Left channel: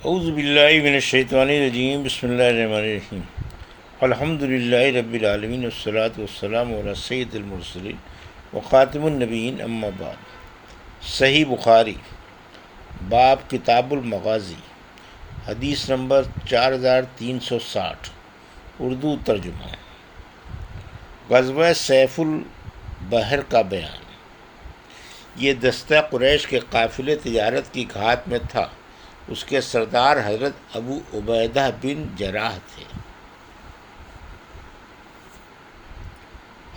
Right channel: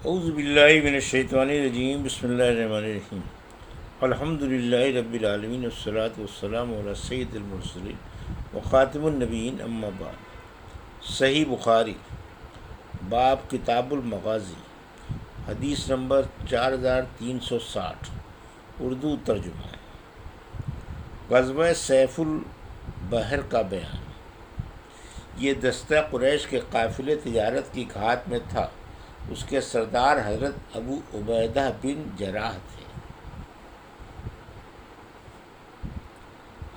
اعوذ باللہ من الشیطان الرجیم، بسم اللہ الرحمن الرحیم۔ الحمد للہ رب العالمین، والصلاة والسلام علی سید المرسلین وخاتم النبیین، اما بعد۔ صحیح بخاری، باب کتاب المغازی، حدیث نمبر 4360، اردو ترجمہ۔ غزوہ سیف البحر کا بیان۔ یہ دستہ قریش کے قافلے تجارت کی گھاٹ میں تھا۔ اس کے سردار حضرت ابو عبیدہ بن جراح تھے۔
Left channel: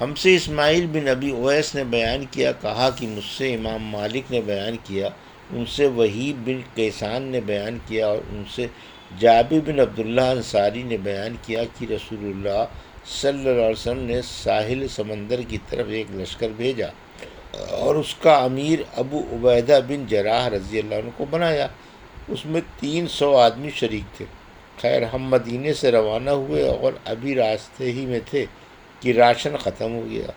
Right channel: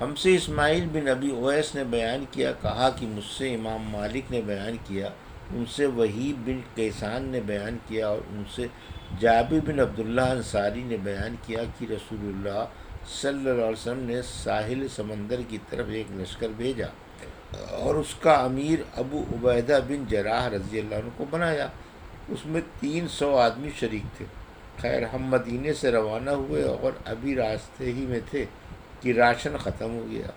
ہم سے اسماعیل بن ابی اویس نے بیان کیا، کہا کہ مجھ سے امام مالک نے بیان کیا، ان سے وہیب بن کیسان نے بیان کیا، اور ان سے جابر بن عبداللہ انصاری نے بیان کیا کہ رسول اللہ صلی اللہ علیہ وسلم نے ساحل سمندر کی طرف ایک لشکر بھیجا اور اس کا امیر ابو عبیدہ بن جراح رضی اللہ عنہ کو بنایا۔ اس میں 300 آدمی شریک تھے۔ خیر، ہم مدینے سے روانہ ہوئے اور ابھی راستے ہی میں تھے کہ راشن ختم ہو گیا۔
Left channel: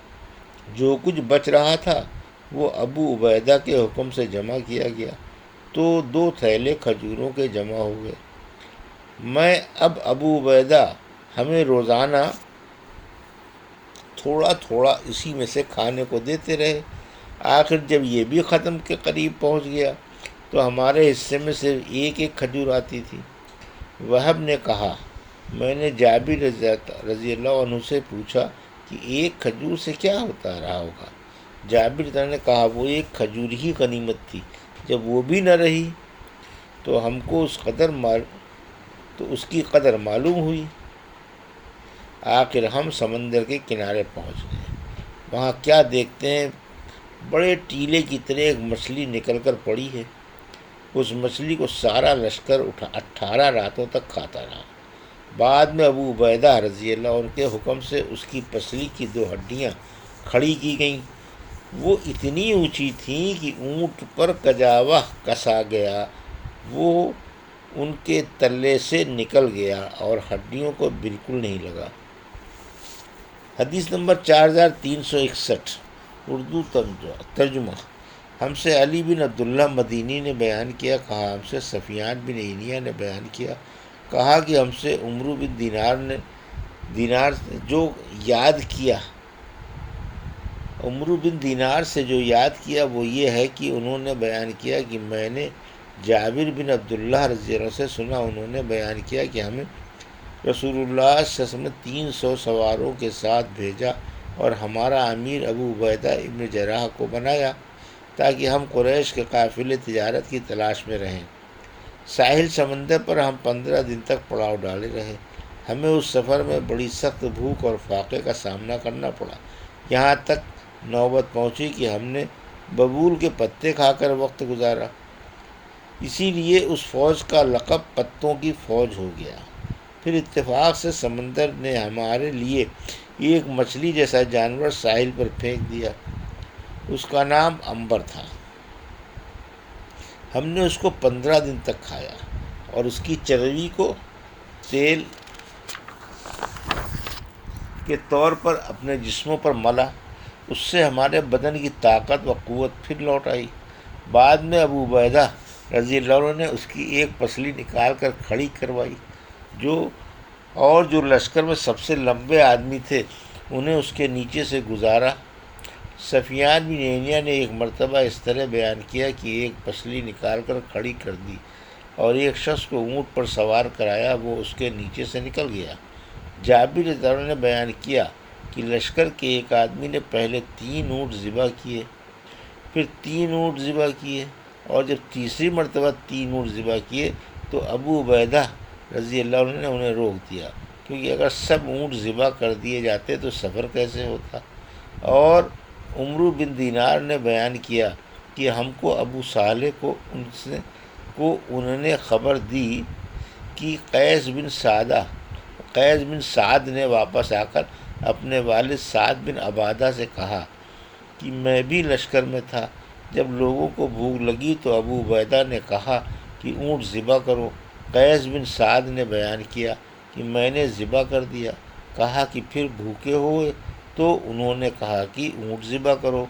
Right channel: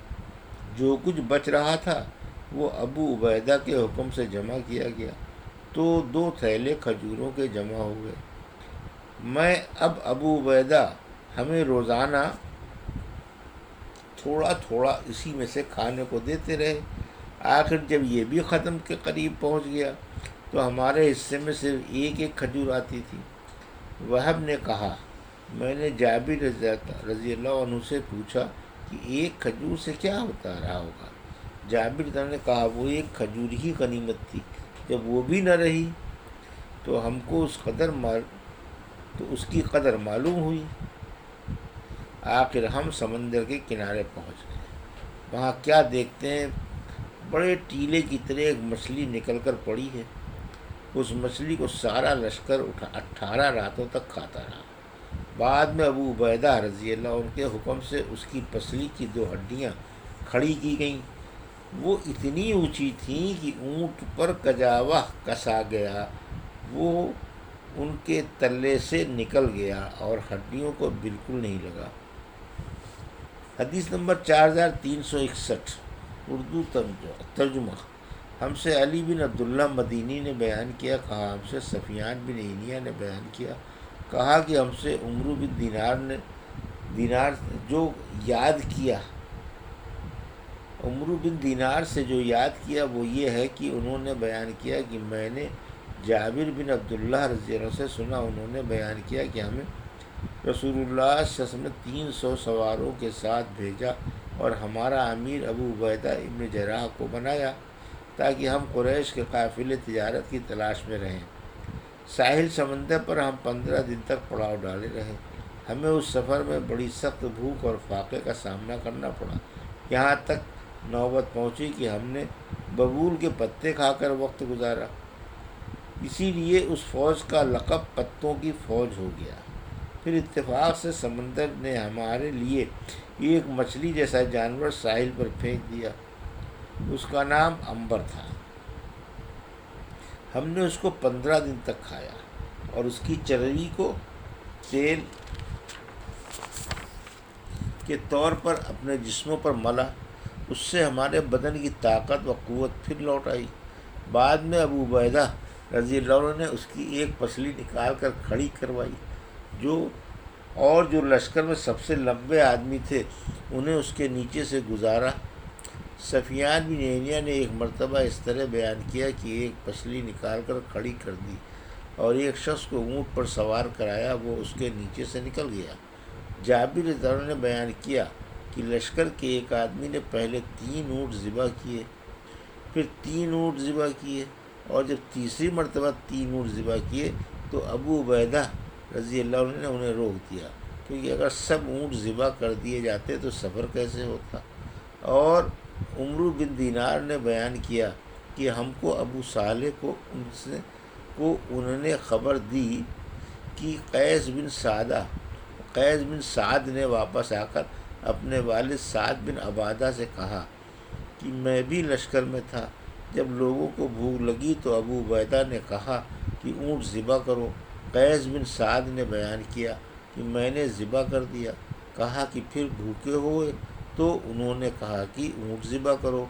جو کچھ بچ رہا تھا وہ ابو عبیدہ کے حکم سے جمع کیا گیا، تو 2 تھیلے کھجوروں کے جمع ہوئے۔ میں اب ابو عبیدہ ہمیں روزانہ تھوڑا تھوڑا اسی میں سے کھانے کو دیتے رہے۔ آخر جب یہ بھی ختم کے قریب پہنچ گیا تو ہمارے حصے میں صرف ایک کھجور آتی تھی۔ وہب نے کہا، میں نے جابر رضی اللہ عنہ سے پوچھا کہ ایک کھجور سے کیا ہوتا رہا ہوگا؟ جابر نے کہا، وہ ایک کھجور ہی غنیمت تھی، جب وہ بھی نہ رہی تو ہم کو اس کی قدر معلوم ہوئی۔ آخر ہم سمندر کے کنارے پہنچ گئے۔ وہاں کیا دیکھتے ہیں، بڑے ٹیلے کی طرح ایک مچھلی نکل کر پڑی ہے۔ اس مچھلی کو سارا لشکر 18 راتوں تک کھاتا رہا۔ بعد میں ابو عبیدہ رضی اللہ عنہ کے حکم سے اس کی پسلی کی 2 ہڈیاں کھڑی کی گئیں۔ وہ اتنی اونچی تھیں کہ اونٹ پر کجاوہ کسا گیا وہ ان کے تلے سے نکل گیا اور ہڈیوں کو بالکل نہیں لگا۔ حدیث نمبر 4361، اردو ترجمہ۔ ہم سے علی بن عبداللہ مدینی نے بیان کیا، کہا ہم سے سفیان بن عینیہ نے بیان کیا، کہا کہ ہم سے عمرو بن دینار سے جو یاد کیا وہ یہ ہے کہ انہوں نے بیان کیا کہ میں نے جابر بن عبداللہ رضی اللہ عنہ سے سنا، انہوں نے بیان کیا کہ ہمیں رسول اللہ صلی اللہ علیہ وسلم نے 300 سواروں کے ساتھ بھیجا اور ہمارا امیر ابو عبیدہ ابن جراح کو بنایا تاکہ ہم قریش کے قافلے تجارت کی تلاش میں رہیں۔ ساحل سمندر پر ہم 15 دن تک پڑاؤ ڈالے رہے۔ ہمیں اس سفر میں بڑی سخت بھوک اور فاقے کا سامنا کرنا پڑا، یہاں تک نوبت پہنچی کہ ہم نے ببول کے پتے کھا کر وقت گزارا۔ اسی لیے اس فوج کا لقب پتوں کی فوج ہو گیا۔ پھر اتفاق سے سمندر نے ہمارے لیے ایک مچھلی جیسا جانور ساحل پر پھینک دیا۔ اس کا نام عنبر تھا۔ ہم نے اس کو 15 دن تک کھایا اور اس کی چربی کو تیل کے طور پر اپنے جسموں پر ملا۔ اس سے ہمارے بدن کی طاقت و قوت پھر لوٹ آئی۔ بعد میں ابو عبیدہ رضی اللہ عنہ نے اس کی ایک پسلی نکال کر کھڑی کروائی، جو لشکر میں سب سے لمبے آدمی تھے انہیں اس کے نیچے سے گزارا۔ سفیان بن عینیہ نے ایک مرتبہ اس طرح بیان کیا کہ ایک پسلی نکال کر کھڑی کر دی اور ایک شخص کو اونٹ پر سوار کرایا، وہ اس کے نیچے سے نکل گیا۔ جابر رضی اللہ عنہ نے بیان کیا کہ لشکر کے ایک آدمی نے پہلے 3 اونٹ ذبح کیے، پھر 3 اونٹ ذبح کیے، اور جب تیسری مرتبہ 3 اونٹ ذبح کیے تو ابو عبیدہ رضی اللہ عنہ نے انہیں روک دیا، کیونکہ اگر سب اونٹ ذبح کر دیے جاتے تو سفر کیسے ہوتا۔ اور عمرو بن دینار نے بیان کیا کہ ہم کو ابو صالح کو انہوں نے خبر دی کہ قیس بن سعد نے واپس آ کر اپنے والد سعد بن عبادہ سے کہا کہ میں بھی لشکر میں تھا، جب لوگوں کو بھوک لگی تو ابو عبیدہ نے کہا کہ اونٹ ذبح کرو۔ قیس بن سعد نے بیان کیا کہ میں نے ذبح کر دیا۔ کہا کہ پھر بھوکے ہوئے؟ تو انہوں نے کہا کہ اونٹ ذبح کرو۔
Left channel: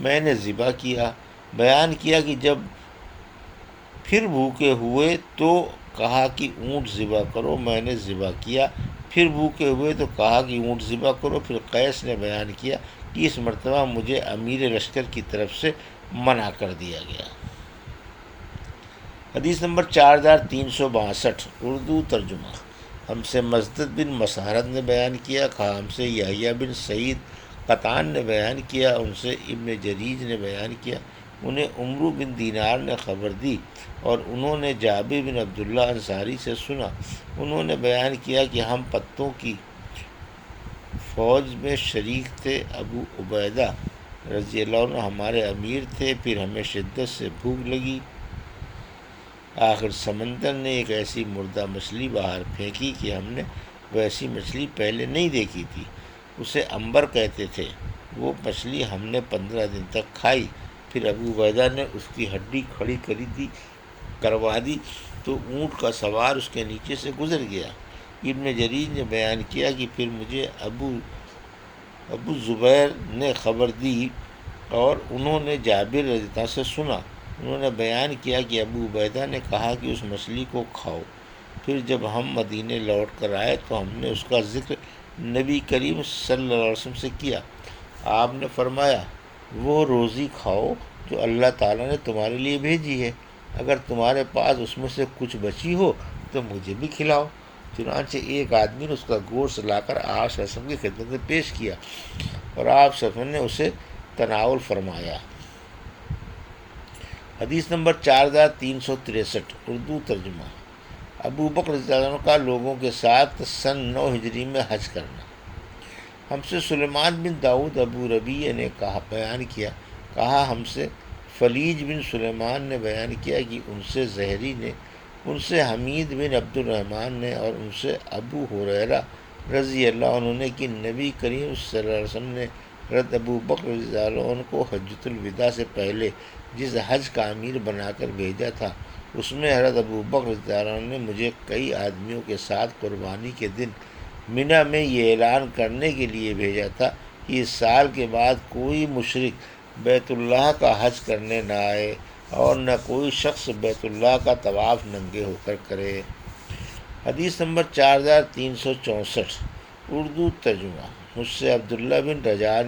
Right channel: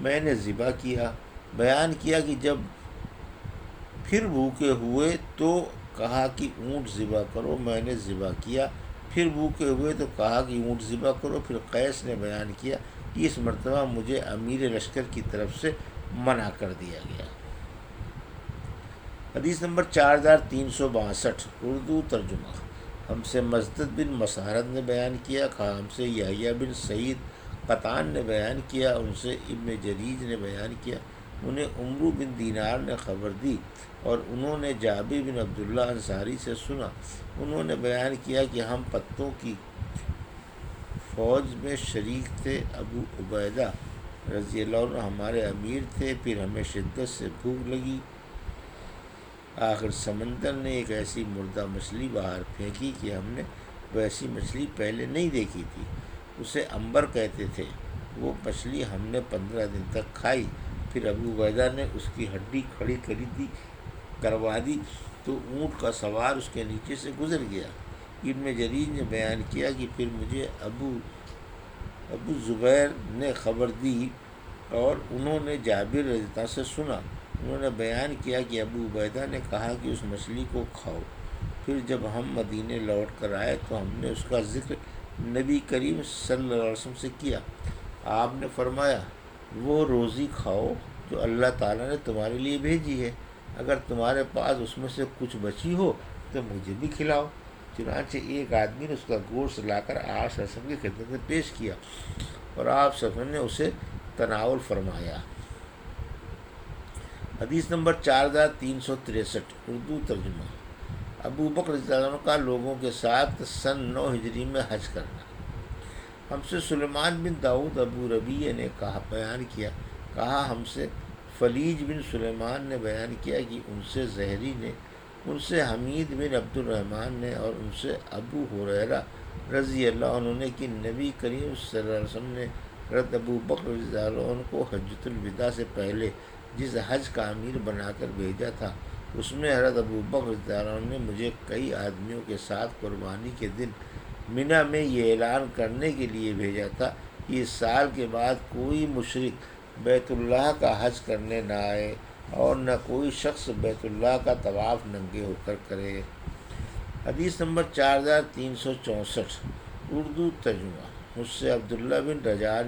میں نے ذبح کیا۔ بیان کیا کہ جب پھر بھوکے ہوئے تو کہا کہ اونٹ ذبح کرو، میں نے ذبح کیا۔ پھر بھوکے ہوئے تو کہا کہ اونٹ ذبح کرو۔ پھر قیس نے بیان کیا کہ اس مرتبہ مجھے امیر لشکر کی طرف سے منع کر دیا گیا۔ حدیث نمبر 4362، اردو ترجمہ۔ ہم سے مسدد بن مسہرت نے بیان کیا، کہا ہم سے یحییٰ بن سعید قطان نے بیان کیا، ان سے ابن جریج نے بیان کیا، انہیں عمرو بن دینار نے خبر دی اور انہوں نے جابر بن عبداللہ انصاری سے سنا، انہوں نے بیان کیا کہ ہم پتوں کی فوج میں شریک تھے، ابو عبیدہ رضی اللہ عنہ ہمارے امیر تھے، پھر ہمیں شدت سے بھوک لگی، آخر سمندر نے ایک ایسی مردہ مچھلی باہر پھینکی کہ ہم نے ویسی مچھلی پہلے نہیں دیکھی تھی، اسے عنبر کہتے تھے، وہ مچھلی ہم نے 15 دن تک کھائی، پھر ابو عبیدہ نے اس کی ہڈی کھڑی کروا دی تو اونٹ کا سوار اس کے نیچے سے گزر گیا۔ ابن جریج نے بیان کیا کہ پھر مجھے ابو زبیر نے خبر دی اور انہوں نے جابر رضی اللہ عنہ سے سنا، انہوں نے بیان کیا کہ ابو عبیدہ نے کہا کہ اس مچھلی کو کھاؤ۔ پھر جب ہم مدینے لوٹ کر آئے تو ہم نے اس کا ذکر نبی کریم صلی اللہ علیہ وسلم سے کیا، آپ نے فرمایا وہ روزی کھاؤ جو اللہ تعالیٰ نے تمہارے لیے بھیجی ہے، اگر تمہارے پاس اس میں سے کچھ بچی ہو تو مجھے بھی کھلاؤ۔ چنانچہ ایک آدمی نے اس کا گوشت لا کر آپ صلی اللہ علیہ وسلم کی خدمت میں پیش کیا اور آپ صلی اللہ علیہ وسلم نے اسے تناول فرمایا۔ حدیث نمبر 4363، اردو ترجمہ۔ ابو بکر رضی اللہ عنہ کا لوگوں کے ساتھ سن 9 ہجری میں حج کرنا۔ ہم سے سلیمان بن داؤد ابو ربیع نے بیان کیا، کہا ہم سے فلیج بن سلیمان نے بیان کیا کہ ان سے زہری نے، ان سے حمید بن عبد الرحمن نے اور ان سے ابو ہریرہ رضی اللہ عنہ نے کہ نبی کریم صلی اللہ علیہ وسلم نے حضرت ابو بکر رضی اللہ عنہ کو حجۃ الوداع سے پہلے جس حج کا امیر بنا کر بھیجا تھا، اس میں حضرت ابو بکر رضی اللہ عنہ نے مجھے کئی آدمیوں کے ساتھ قربانی کے دن منی میں یہ اعلان کرنے کے لیے بھیجا تھا کہ اس سال کے بعد کوئی مشرک بیت اللہ کا حج کرنے نہ آئے اور نہ کوئی شخص بیت اللہ کا طواف ننگے ہو کر کرے۔ حدیث نمبر 4364، اردو ترجمہ۔ مجھ سے عبداللہ بن رجاء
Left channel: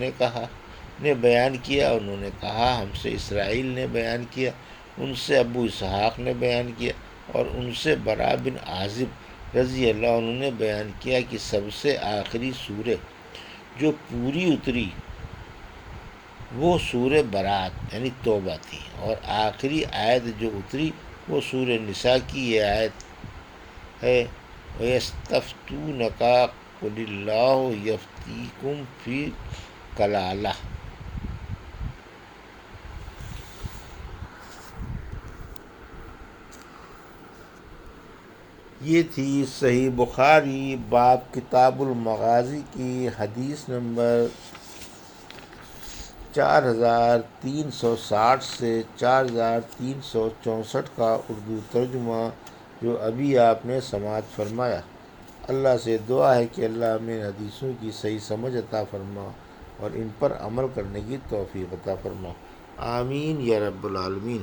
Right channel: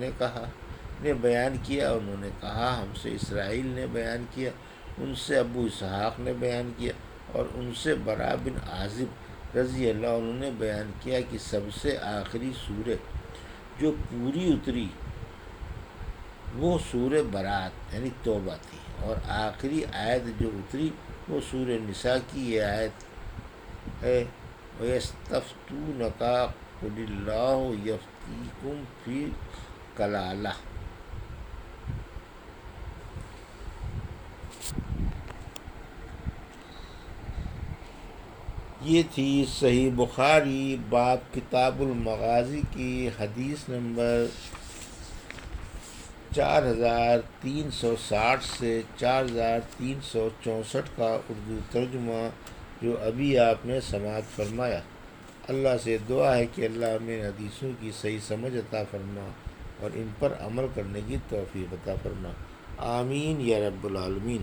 نے بیان کیا، انہوں نے کہا ہم سے اسرائیل نے بیان کیا، ان سے ابو اسحاق نے بیان کیا اور ان سے برا بن عازب رضی اللہ عنہ نے بیان کیا کہ سب سے آخری سورہ جو پوری اتری وہ سورہ برات یعنی توبہ تھی، اور آخری آیت جو اتری وہ سورہ نساء کی یہ آیت ہے، وَيَسْتَفْتُونَكَ قُلِ اللَّهُ يَفْتِيكُمْ فِي الْكَلَالَةِ۔ یہ تھی صحیح بخاری باب کتاب المغازی کی حدیث نمبر 4360 سے 4364 کا اردو ترجمہ جو ابھی آپ نے سماعت فرمایا۔ اللہ سے دعا ہے کہ اللہ ہمیں حدیثوں کی صحیح سمجھ عطا فرما اور ان پر عمل کرنے کی توفیق عطا فرما، آمین یا رب العالمین۔